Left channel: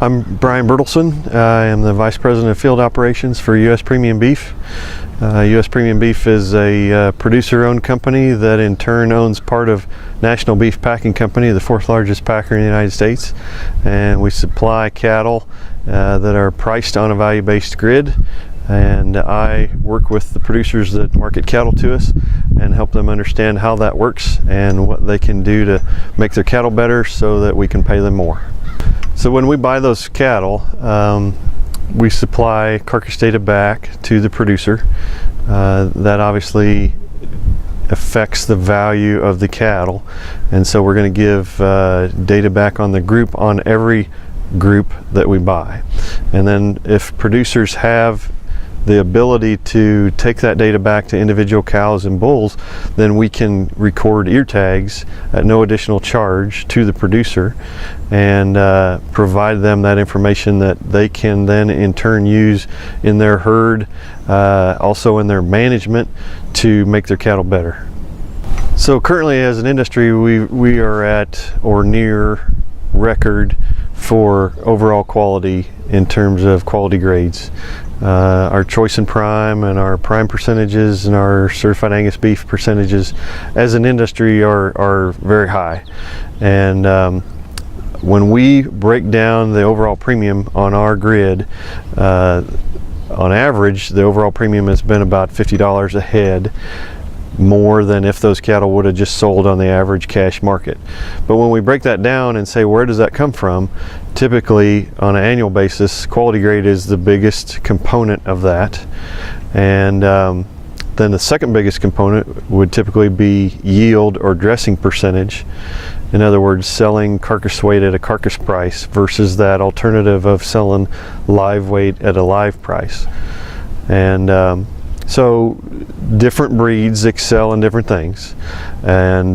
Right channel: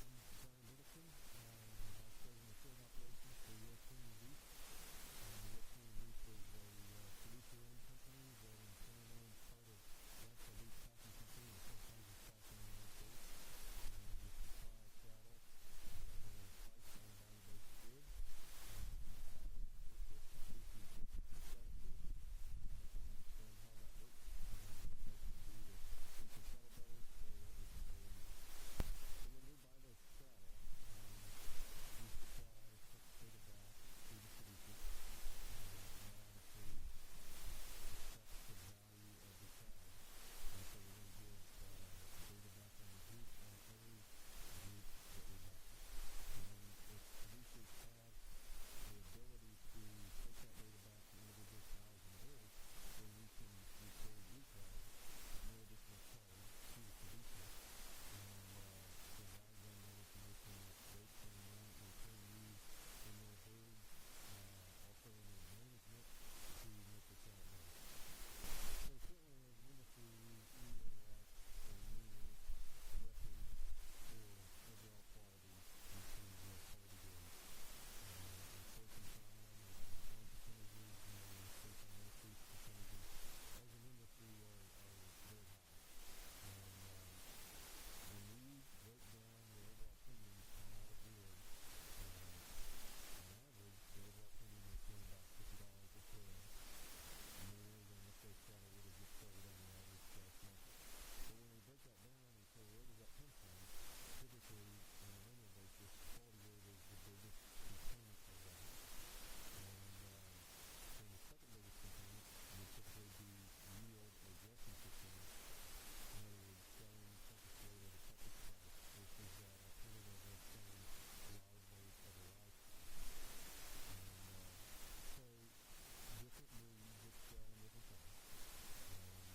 I'm Brian Bertelsen. I am the Vice President of Field Operations for U.S. Premium Beef. U.S. Premium Beef is a producer-owned company that in turn owns part of National Beef Packing Company, the fourth largest packer in the United States. And we supply cattle that are priced on a value-based grid. And I work with the producers that market cattle to us and help them understand how that works and what they can do to make their cattle better so that we can pay them more. So when we buy those cattle, we supply carcass data back to the producer. That obviously affects the value of the cattle, and so we're going to give data back on the group on every group that we buy. And then if producers have the ability to take that data back to individual cows and bulls, then we can record ear tags at no additional charge to the producer and provide them that information that they can then in turn use in their herd, also in their management, to make their cattle better. So currently as an industry, we are at or near record for overall quality in terms of quality grades. Our choice and prime and our prime percentages and our certified Angus beef percentages as an industry are very high. And when we break down the overall premium on our grid, on average the overall premium has been about $50 a head more than if those cattle would have just sold on the average cash market. But when we break that down and say where does that come from, typically on an annual basis quality grade is the biggest component of that, and then the second biggest component would typically be yield or dressing percentage. In other words, selling carcass weight at a carcass price versus that alternative of selling live weight at a live price. And so different breeds excel in different things, and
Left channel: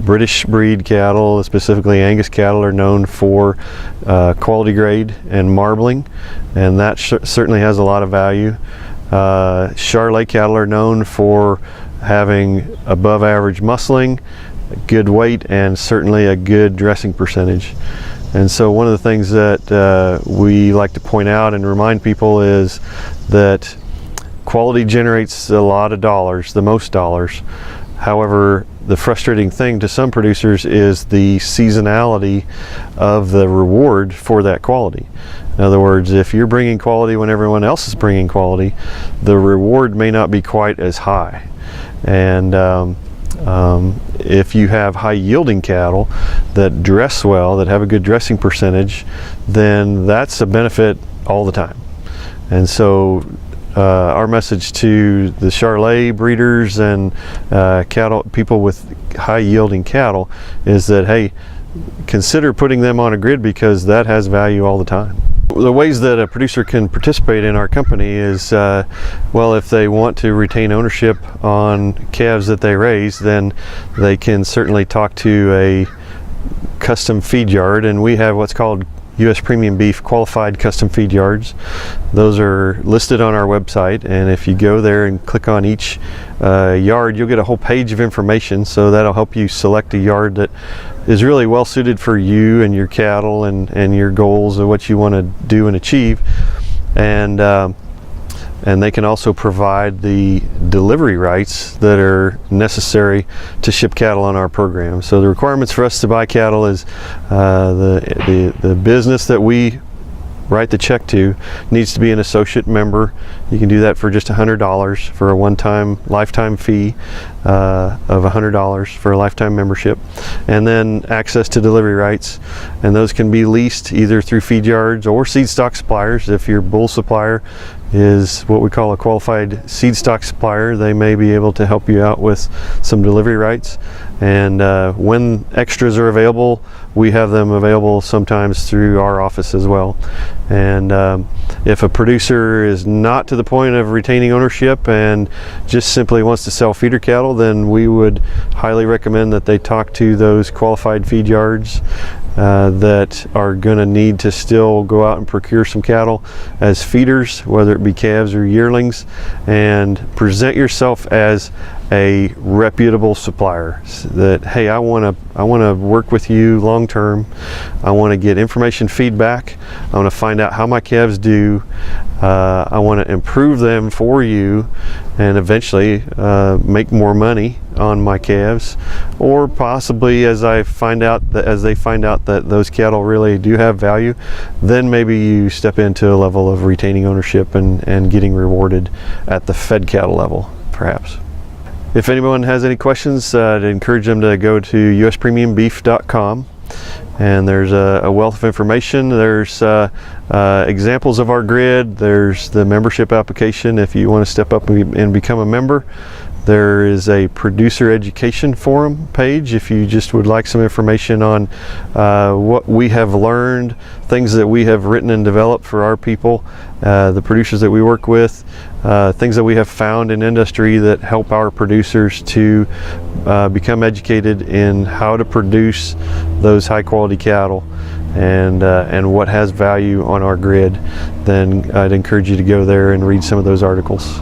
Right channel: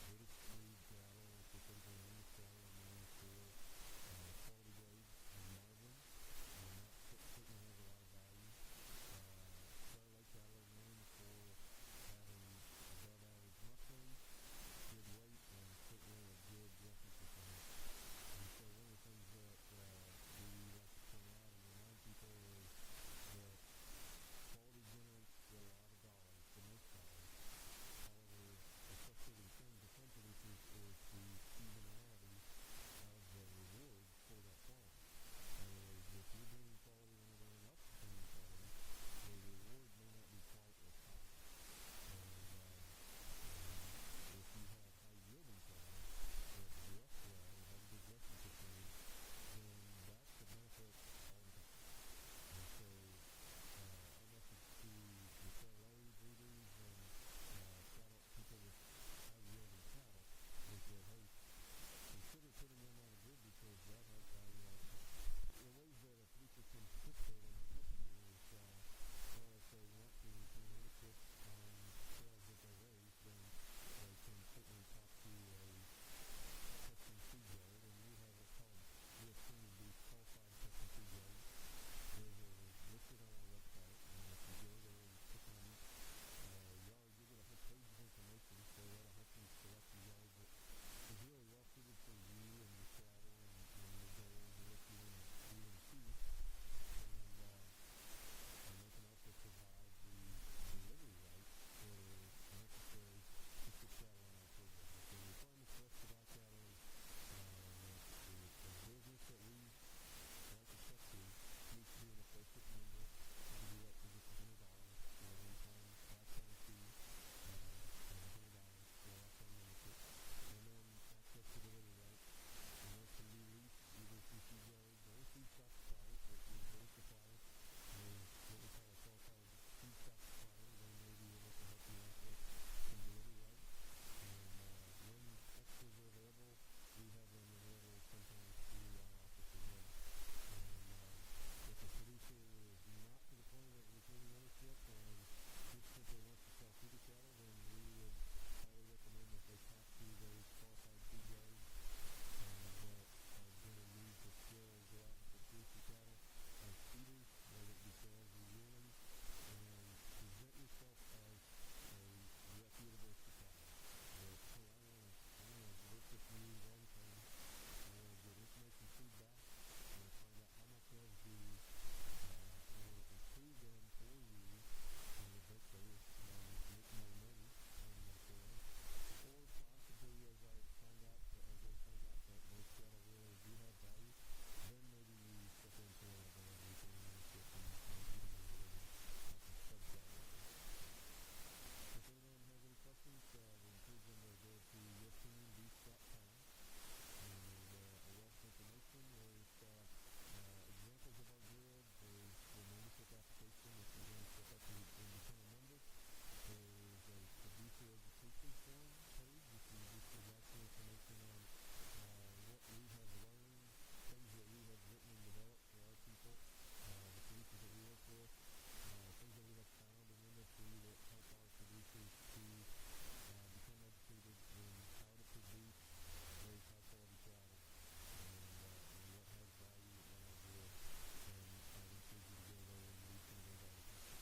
British breed cattle, specifically Angus cattle, are known for quality grade and marbling, and that certainly has a lot of value. Charolais cattle are known for having above average muscling, good weight, and certainly a good dressing percentage. And so one of the things that we like to point out and remind people is that quality generates a lot of dollars, the most dollars. However, the frustrating thing to some producers is the seasonality of the reward for that quality. In other words, if you're bringing quality when everyone else is bringing quality, the reward may not be quite as high. And if you have high yielding cattle that dress well, that have a good dressing percentage, then that's a benefit all the time. And so our message to the Charolais breeders and cattle people with high yielding cattle is that, hey, consider putting them on a grid because that has value all the time. The ways that a producer can participate in our company is, well, if they want to retain ownership on calves that they raise, then they can certainly talk to a custom feed yard, and we have what's called U.S. Premium Beef Qualified Custom Feed Yards. Those are listed on our website, and if you go there and click on each yard, you'll get a whole page of information, so that'll help you select a yard that is really well suited for you and your cattle and your goals of what you want to do and achieve. And they can also provide the delivery rights that are necessary to ship cattle on our program. So the requirements for us to buy cattle is the business that we write the check to needs to be an associate member. You can do that for just $100 for a one-time lifetime fee of $100 for a lifetime membership, and then access to delivery rights, and those can be leased either through feed yards or seed stock suppliers. If your bull supplier is what we call a qualified seed stock supplier, they may be able to help you out with some delivery rights. And when extras are available, we have them available sometimes through our office as well. And if a producer is not to the point of retaining ownership and just simply wants to sell feeder cattle, then we would highly recommend that they talk to those qualified feed yards that are going to need to still go out and procure some cattle as feeders, whether it be calves or yearlings, and present yourself as a reputable supplier that, hey, I want to work with you long term. I want to get information feedback. I want to find out how my calves do. I want to improve them for you and eventually make more money on my calves, or possibly as they find out that those cattle really do have value, then maybe you step into a level of retaining ownership and getting rewarded at the fed cattle level, perhaps. If anyone has any questions, I'd encourage them to go to uspremiumbeef.com. And there's a wealth of information. There's examples of our grid. There's the membership application if you want to step up and become a member. There is a producer education forum page if you just would like some information on what we have learned, things that we have written and developed for our people, the producers that we work with, things that we have found in industry that help our producers to become educated in how to produce those high quality cattle and what has value on our grid. Then I'd encourage you to go there and read some of those articles.